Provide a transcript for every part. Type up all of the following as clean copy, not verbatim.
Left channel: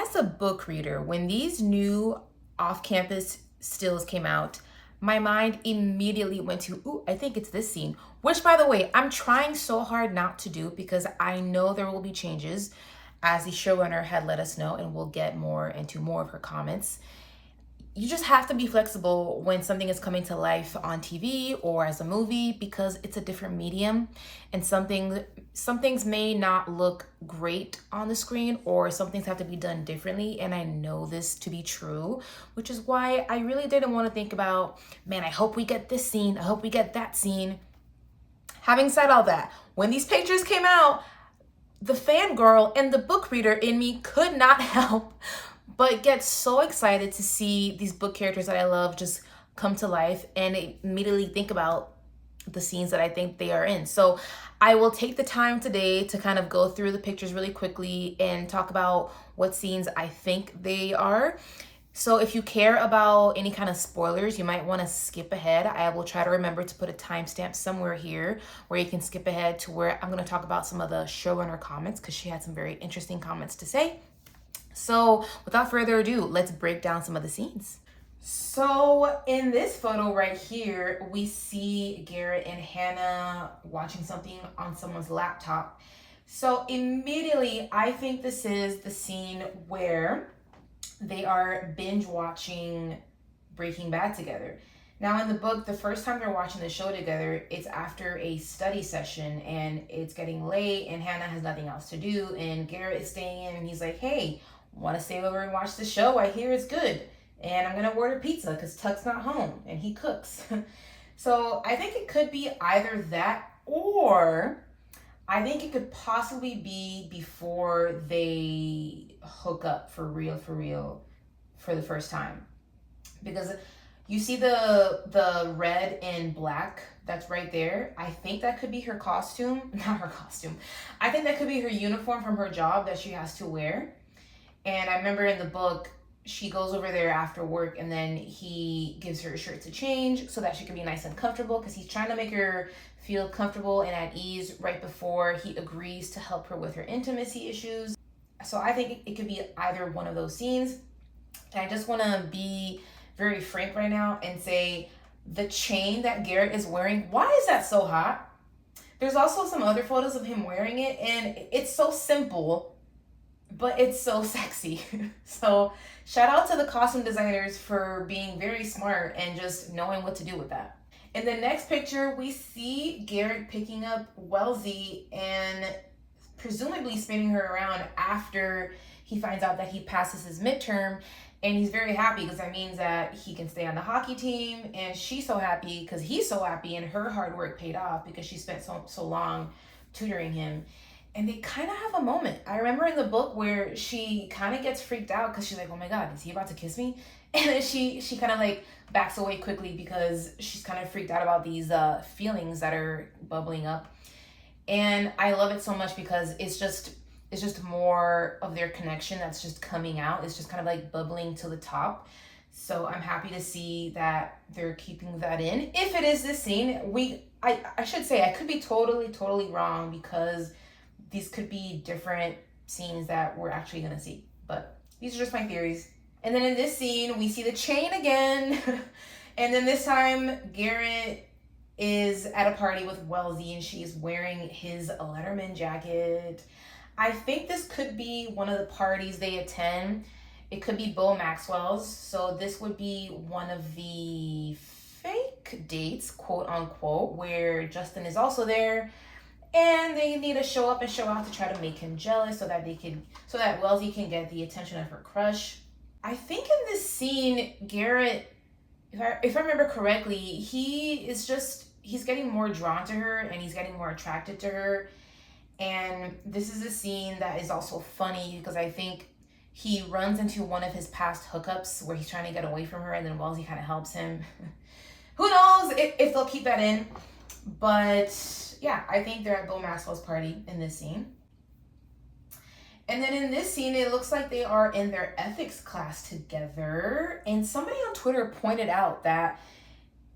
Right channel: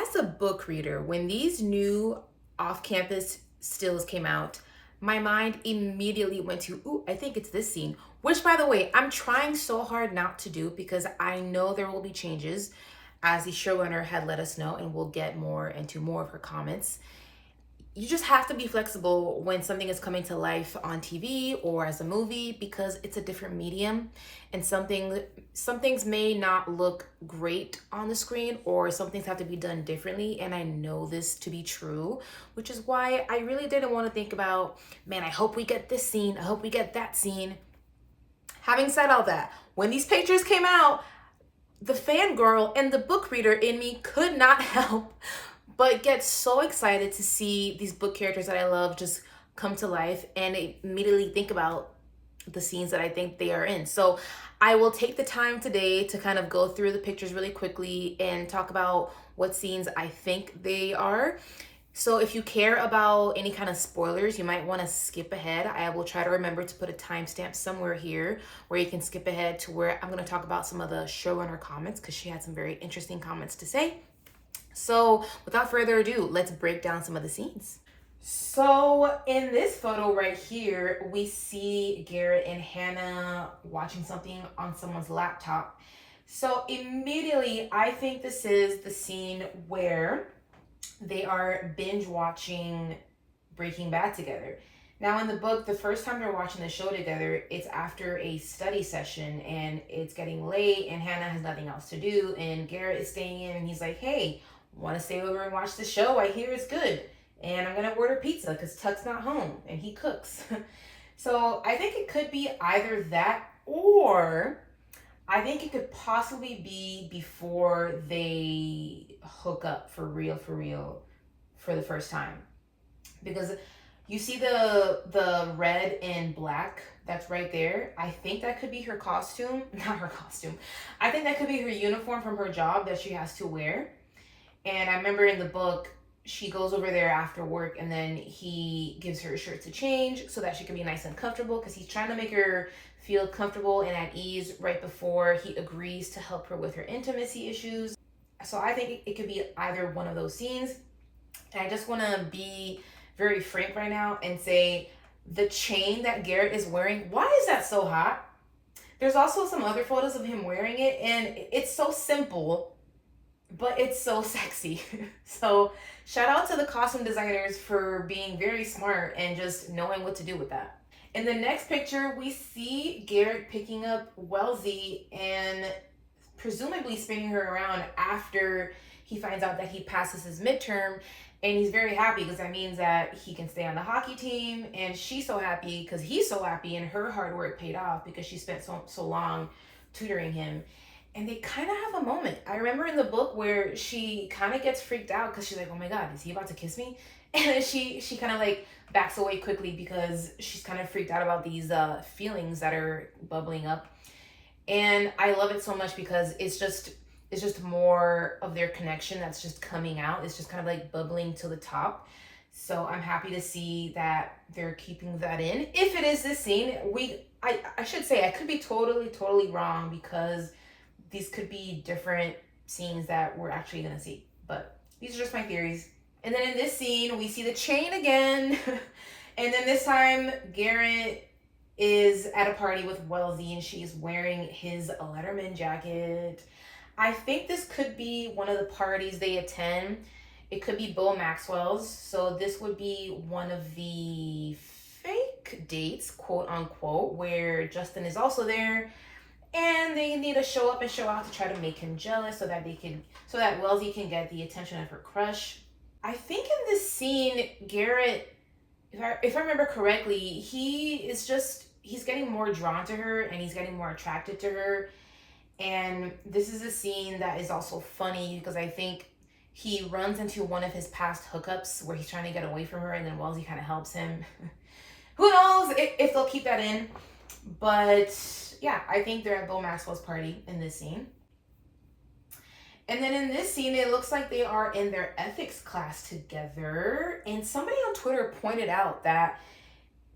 as a book reader, when these new off-campus stills came out, my mind immediately went to, ooh, I think it's this scene, which by the way, I'm trying so hard not to do because I know there will be changes as the showrunner had let us know, and we'll get more into more of her comments. You just have to be flexible when something is coming to life on TV or as a movie because it's a different medium, and some things may not look great on the screen, or some things have to be done differently, and I know this to be true, which is why I really didn't want to think about, man, I hope we get this scene, I hope we get that scene. Having said all that, when these pictures came out, the fangirl and the book reader in me could not help but get so excited to see these book characters that I love just come to life, and immediately think about the scenes that I think they are in. So I will take the time today to kind of go through the pictures really quickly and talk about what scenes I think they are. So if you care about any kind of spoilers, you might want to skip ahead. I will try to remember to put a timestamp somewhere here where you can skip ahead to where I'm going to talk about some of the showrunner comments, because she had some very interesting comments to say. So without further ado, let's break down some of the scenes. So in this photo right here, we see Garrett and Hannah watching something on someone's laptop. So immediately, I think this is the scene where they are binge watching Breaking Bad together. Now in the book, the first time they're watching the show together, it's after a study session and it's getting late and Hannah has nothing else to do, and Garrett is staying in and he's like, hey, want to stay over and watch the show? I hear it's good. And I'm going to order pizza because Tuck's not home and he cooks. So I think it could be either that, or I think it could possibly be before they hook up for real for the first time. Because you see the red and black that's right there. I think that could be her costume. Not her costume. I think that could be her uniform from her job that she has to wear. And I remember in the book, she goes over there after work and then he gives her a shirt to change so that she can be nice and comfortable, because he's trying to make her feel comfortable and at ease right before he agrees to help her with her intimacy issues. So I think it could be either one of those scenes. And I just want to be very frank right now and say the chain that Garrett is wearing, why is that so hot? There's also some other photos of him wearing it and it's so simple, but it's so sexy. So shout out to the costume designers for being very smart and just knowing what to do with that. In the next picture, we see Garrett picking up Wellesley and presumably spinning her around after he finds out that he passes his midterm. And he's very happy because that means that he can stay on the hockey team. And she's so happy because he's so happy and her hard work paid off because she spent so long tutoring him. And they kind of have a moment. I remember in the book where she kind of gets freaked out because she's like, oh my God, is he about to kiss me? And then she kind of like backs away quickly because she's kind of freaked out about these feelings that are bubbling up. And I love it so much because it's just more of their connection that's just coming out. It's just kind of like bubbling to the top. So I'm happy to see that they're keeping that in. If it is this scene, I should say I could be totally wrong, because these could be different scenes that we're actually gonna see, but these are just my theories. And then in this scene, we see the chain again. And then this time, Garrett is at a party with Wellesley and she's wearing his Letterman jacket. I think this could be one of the parties they attend. It could be Bill Maxwell's. So this would be one of the fake dates, quote unquote, where Justin is also there. And they need to show up and show out to try to make him jealous so that Wellesley can get the attention of her crush. I think in this scene, Garrett, if I remember correctly, he's getting more drawn to her and he's getting more attracted to her. And this is a scene that is also funny because I think he runs into one of his past hookups where he's trying to get away from her and then Wellesley kind of helps him. Who knows if they'll keep that in. But yeah, I think they're at Bill Maxwell's party in this scene. And then in this scene, it looks like they are in their ethics class together. And somebody on Twitter pointed out that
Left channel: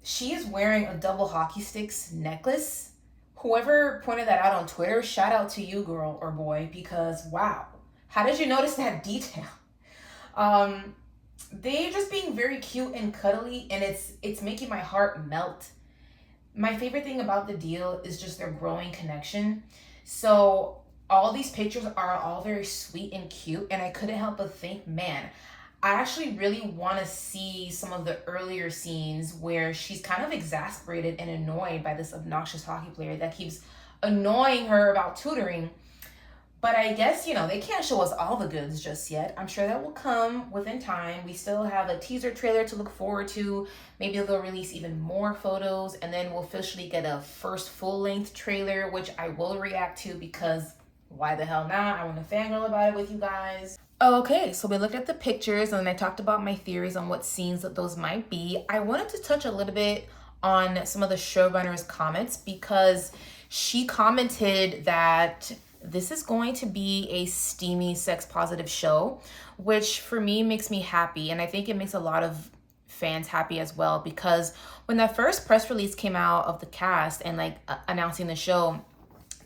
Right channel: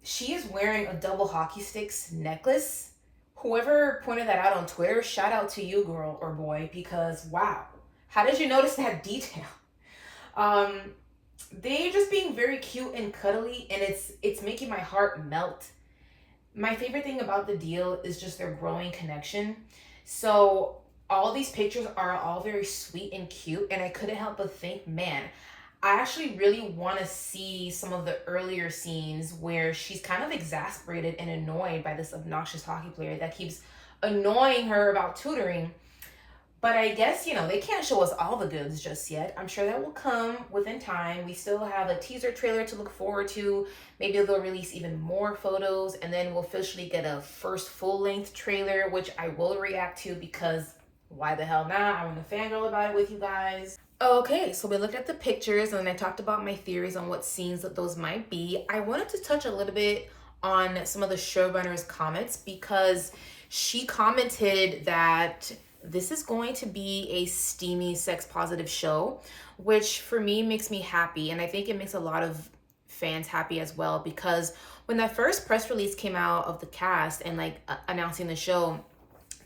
she is wearing a double hockey sticks necklace. Whoever pointed that out on Twitter, shout out to you, girl or boy, because wow, how did you notice that detail? Um, they just being very cute and cuddly, and it's making my heart melt. My favorite thing about the deal is just their growing connection. So all these pictures are all very sweet and cute, and I couldn't help but think, man, I actually really want to see some of the earlier scenes where she's kind of exasperated and annoyed by this obnoxious hockey player that keeps annoying her about tutoring. But I guess, they can't show us all the goods just yet. I'm sure that will come within time. We still have a teaser trailer to look forward to. Maybe they'll release even more photos, and then we'll officially get a first full-length trailer, which I will react to because why the hell not? I want to fangirl about it with you guys. Okay, so we looked at the pictures and I talked about my theories on what scenes that those might be. I wanted to touch a little bit on some of the showrunner's comments because she commented that this is going to be a steamy, sex positive show, which for me makes me happy. And I think it makes a lot of fans happy as well, because when that first press release came out of the cast and announcing the show,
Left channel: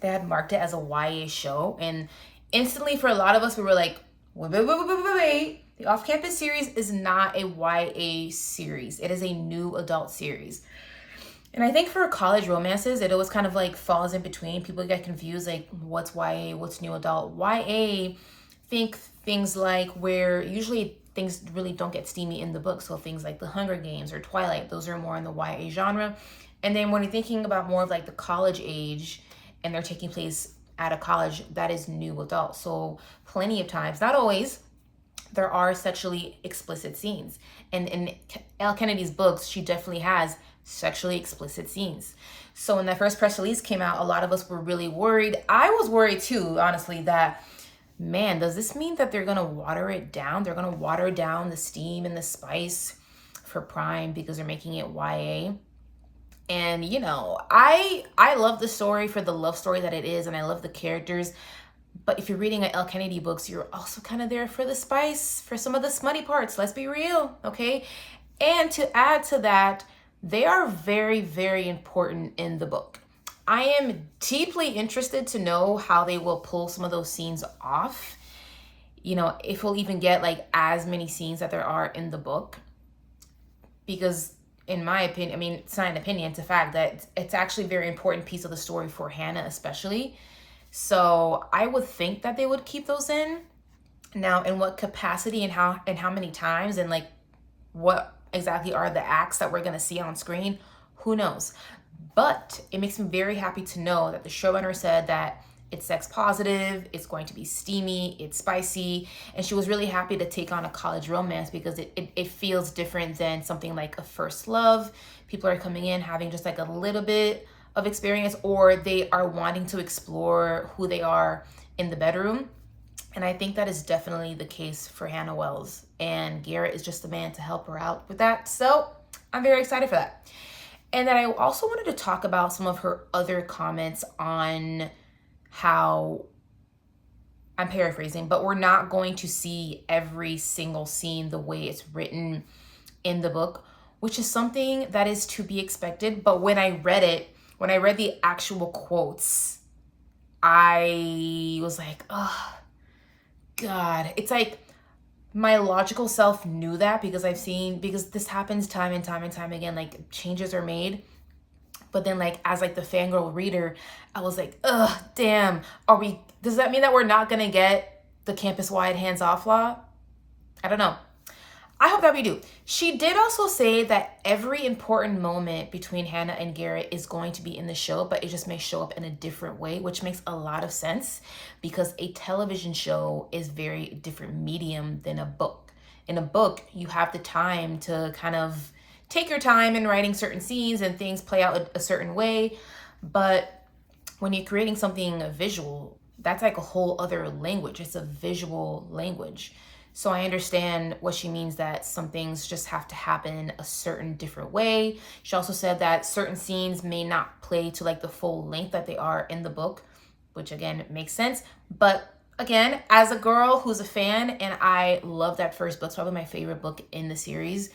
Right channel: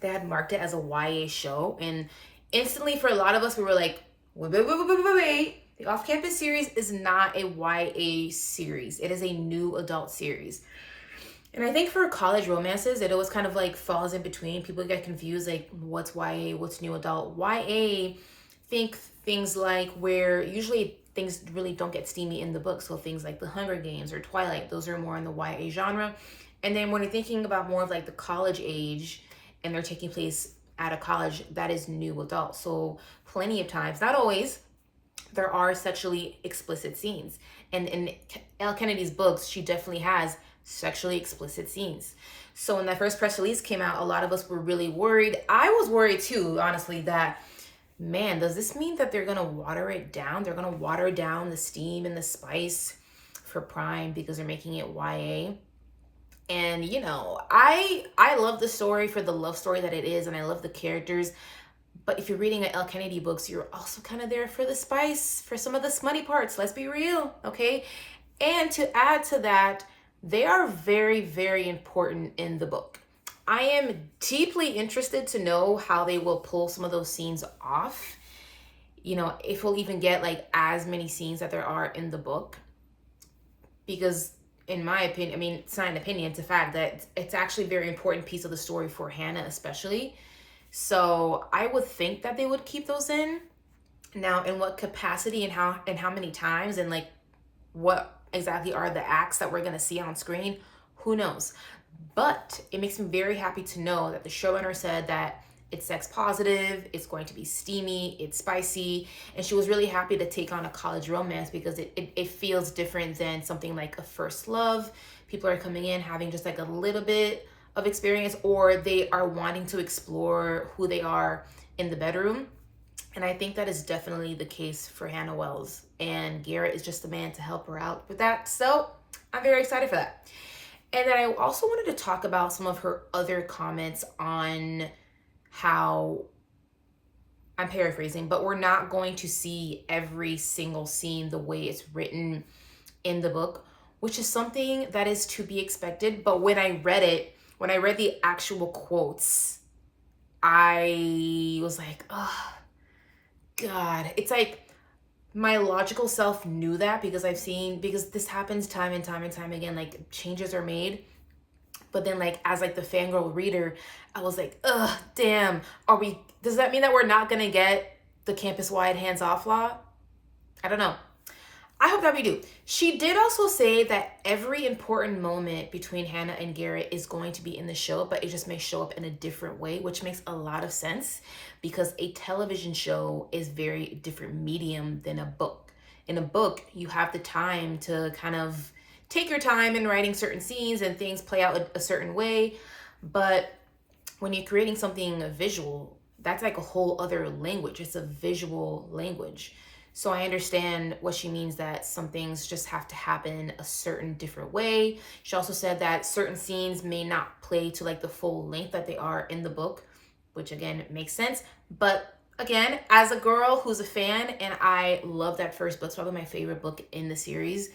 they had marked it as a YA show. And instantly for a lot of us, we were like, wait. The off-campus series is not a YA series. It is a new adult series. And I think for college romances, it always kind of falls in between. People get confused, what's YA, what's new adult. YA, think things like where usually things really don't get steamy in the book. So things like The Hunger Games or Twilight, those are more in the YA genre. And then when you're thinking about more of the college age and they're taking place at a college, that is new adult. So plenty of times, not always, there are sexually explicit scenes. And in Elle Kennedy's books, she definitely has sexually explicit scenes. So when that first press release came out, a lot of us were really worried. I was worried too, honestly, that, man, does this mean that they're going to water it down? They're going to water down the steam and the spice for Prime because they're making it YA. And, I love the story for the love story that it is, and I love the characters. But if you're reading Elle Kennedy books, you're also kind of there for the spice, for some of the smutty parts. Let's be real, okay? And to add to that, they are very, very important in the book. I am deeply interested to know how they will pull some of those scenes off. If we'll even get as many scenes that there are in the book. Because in my opinion, it's not an opinion, it's a fact that it's actually a very important piece of the story for Hannah especially. So I would think that they would keep those in. Now, in what capacity and how many times and what exactly are the acts that we're going to see on screen, who knows? But it makes me very happy to know that the showrunner said that it's sex positive, it's going to be steamy, it's spicy, and she was really happy to take on a college romance because it feels different than something like a first love. People are coming in having just a little bit of experience, or they are wanting to explore who they are in the bedroom. And I think that is definitely the case for Hannah Wells. And Garrett is just the man to help her out with that. So I'm very excited for that. And then I also wanted to talk about some of her other comments on how, I'm paraphrasing, but we're not going to see every single scene the way it's written in the book, which is something that is to be expected. But when I read the actual quotes, I was like, oh, God. It's my logical self knew that because because this happens time and time and time again, changes are made. But then as the fangirl reader, I was like, ugh, damn, does that mean that we're not gonna get the campus-wide hands-off law? I don't know. I hope that we do. She did also say that every important moment between Hannah and Garrett is going to be in the show, but it just may show up in a different way, which makes a lot of sense because a television show is very different medium than a book. In a book, you have the time to kind of take your time in writing certain scenes and things play out a certain way. But when you're creating something visual, that's a whole other language. It's a visual language. So I understand what she means, that some things just have to happen a certain different way. She also said that certain scenes may not play to the full length that they are in the book, which again makes sense. But again, as a girl who's a fan, and I love that first book, it's probably my favorite book in the series,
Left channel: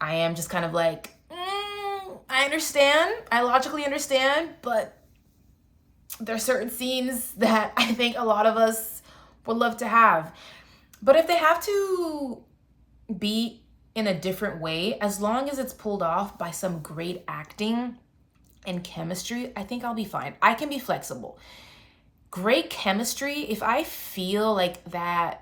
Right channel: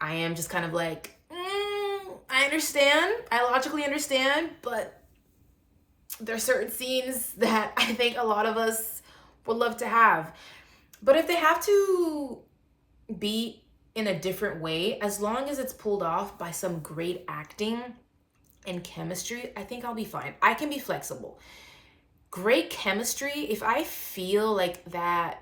I am just kind of I understand. I logically understand, but there are certain scenes that I think a lot of us would love to have. But if they have to be in a different way, as long as it's pulled off by some great acting and chemistry, I think I'll be fine. I can be flexible. Great chemistry, if I feel like that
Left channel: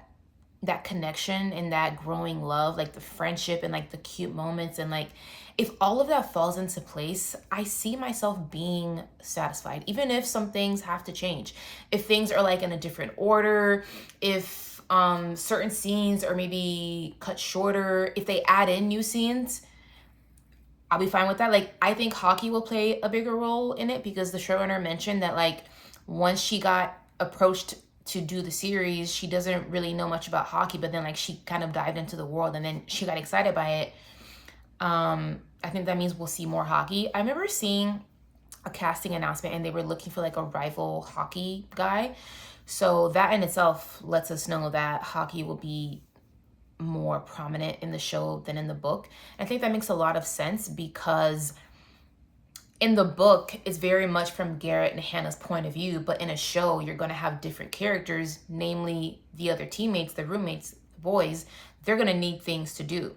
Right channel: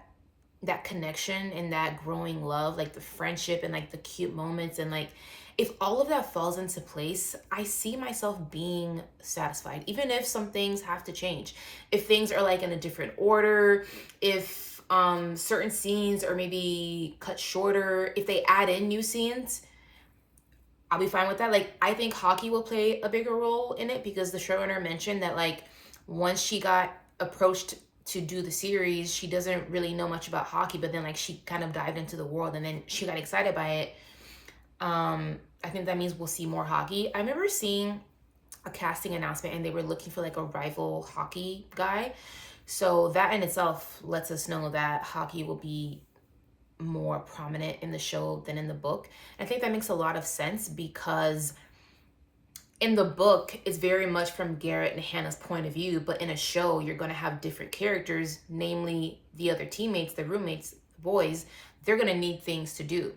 connection and that growing love, like the friendship and like the cute moments, and like if all of that falls into place, I see myself being satisfied, even if some things have to change. If things are like in a different order, if certain scenes are maybe cut shorter, if they add in new scenes, I'll be fine with that. Like, I think hockey will play a bigger role in it, because the showrunner mentioned that, like, once she got approached to do the series, she doesn't really know much about hockey, but then, like, she kind of dived into the world and then she got excited by it. I think that means we'll see more hockey. I remember seeing a casting announcement and they were looking for like a rival hockey guy. So that in itself lets us know that hockey will be more prominent in the show than in the book. I think that makes a lot of sense, because in the book, it's very much from Garrett and Hannah's point of view, but in a show, you're going to have different characters, namely the other teammates, the roommates, the boys. They're going to need things to do.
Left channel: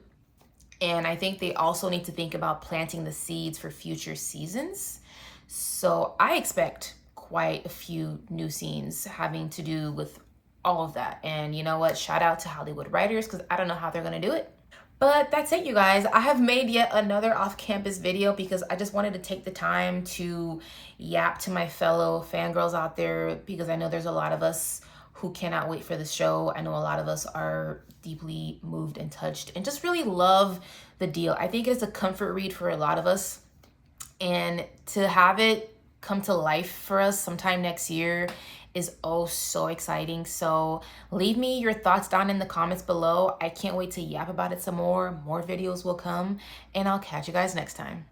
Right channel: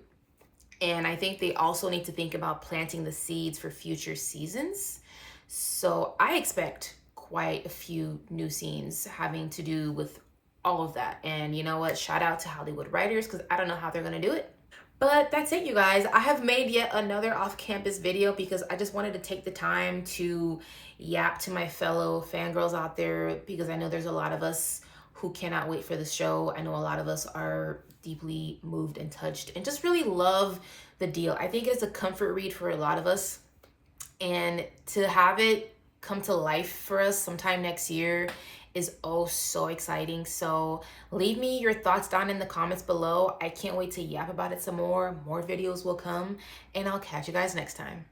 And I think they also need to think about planting the seeds for future seasons. So I expect quite a few new scenes having to do with all of that. And you know what? Shout out to Hollywood writers, because I don't know how they're going to do it. But that's it, you guys. I have made yet another off-campus video because I just wanted to take the time to yap to my fellow fangirls out there, because I know there's a lot of us who cannot wait for the show. I know a lot of us are deeply moved and touched and just really love the deal. I think it's a comfort read for a lot of us. And to have it come to life for us sometime next year is oh so exciting. So leave me your thoughts down in the comments below. I can't wait to yap about it some more. More videos will come, and I'll catch you guys next time.